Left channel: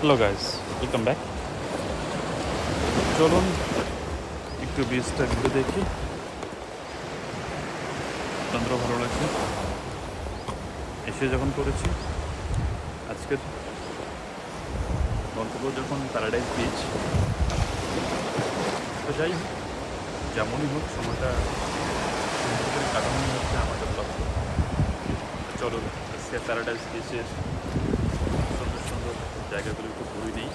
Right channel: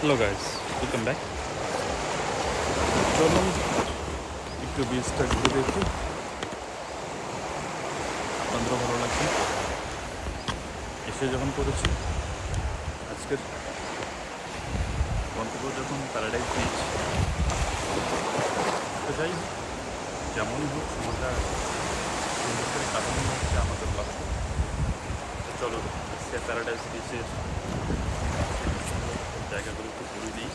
Hello guys, welcome back. চলুন একটু বিচটা ঘুরে দেখি, আপনাদেরও ভালো লাগবে। এসে যখন করেছি, আজকের গন্তব্য যখন প্যারাডাইস বিচ, তো যাই হোক, যেমনই হোক সময়টা সুন্দর করে কাটানো হচ্ছে আমাদের লক্ষ্য। তো চলুন আজকে প্যারাডাইস বিচের সুন্দর সুন্দর জায়গাগুলো একটু ঘুরে নিই।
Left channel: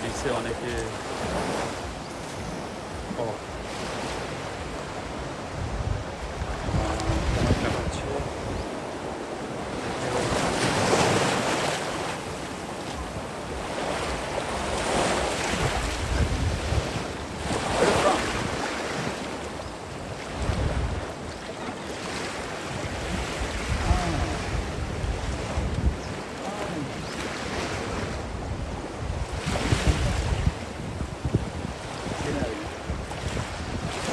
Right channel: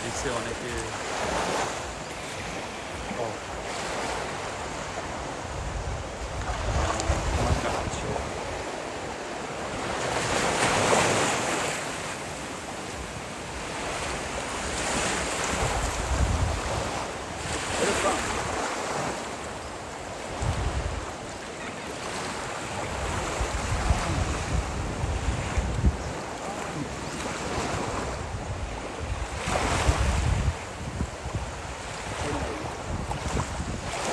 বিচে অনেকে ও সময় কাটাচ্ছে দেখে।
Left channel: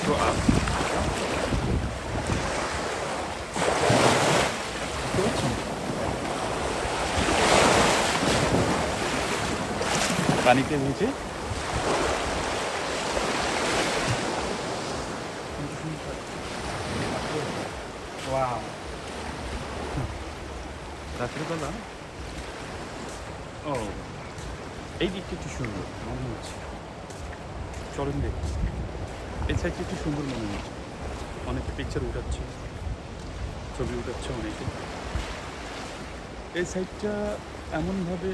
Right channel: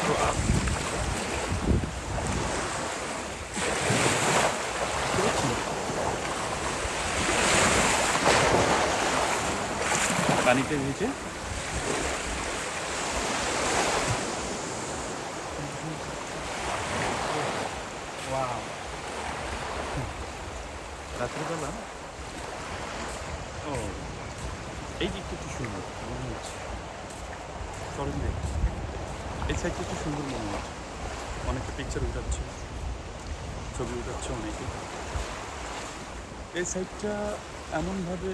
তো বুঝতে পারছেন, পানিতে ভিজে ওয়াও, রাত্রেবেলা ও এই দিকটা একটু সুন্দর মনে হচ্ছে। চলেন দেখি, এই সাইডটা একটু সুন্দর মনে হচ্ছে। অনেকে পিকচার উঠাচ্ছে, ছবি উঠাচ্ছে অনেকে। এই সাইডটা এমনভাবে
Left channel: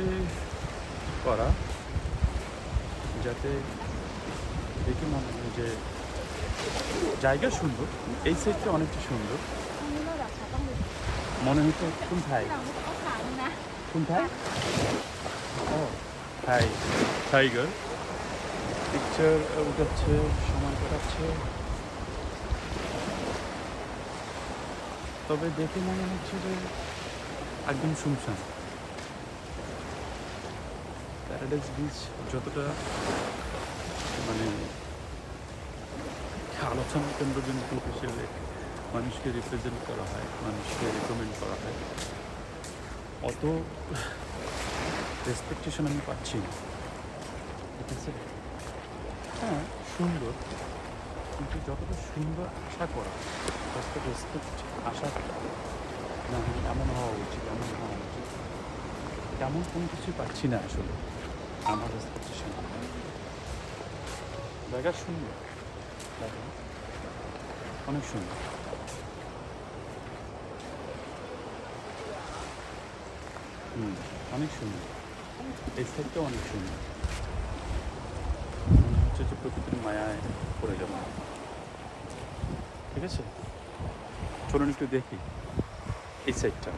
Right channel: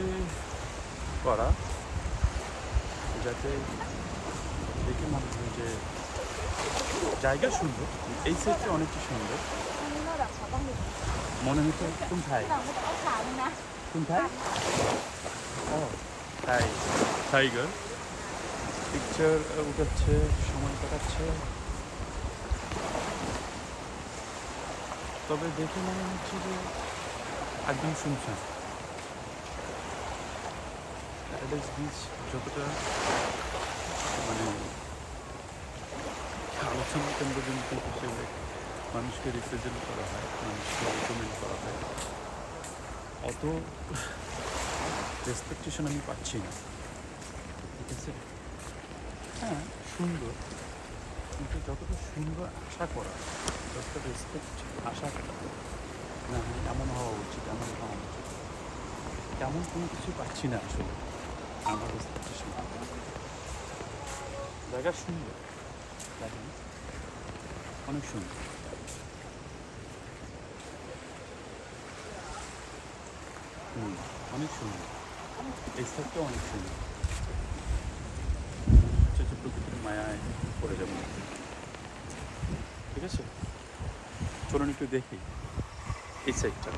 করা যাতে দেখে মনে হয় যে জায়গা সুন্দর। এই সাইডটা অনেকটা সুন্দর মনে হচ্ছে। কোনথায় কোনথায় ও থাই টাইগার পিকচার উঠাচ্ছে, সময় কাটাচ্ছে। তবে দেখে মনে হচ্ছে যে একদম শুনশান। প্যারাডাইস বিচ যতটা মানে আলোচনার কেন্দ্রবিন্দু হিসেবে মানুষকে রিপ্রেজেন্ট করা হয়, মানুষকে রেকমেন্ড করা হয়, অত রেসপেকটেশন আমি পাচ্ছি না। ঠিক আছে, হ্যাঁ সুন্দর, কিন্তু যতটা সুন্দর আশা করা, যতটা রেসপেক্ট আশা করা, না হ্যাঁ এমন হওয়া উচিত, এমন হওয়া উচিত, তেমন কোনো কিছুই পাচ্ছি না আসলে। আমার রেসপেকটেশন জায়গা সুন্দর, দেখেন অনেক সুন্দর। অনেক সুন্দর, এই সাইডটাও অনেক সুন্দর। মনে হচ্ছে যে প্রকৃতির মায়ায় পড়ে যাবো। ঠিক আছে, চলুন একটু দেখি এই সাইডটা।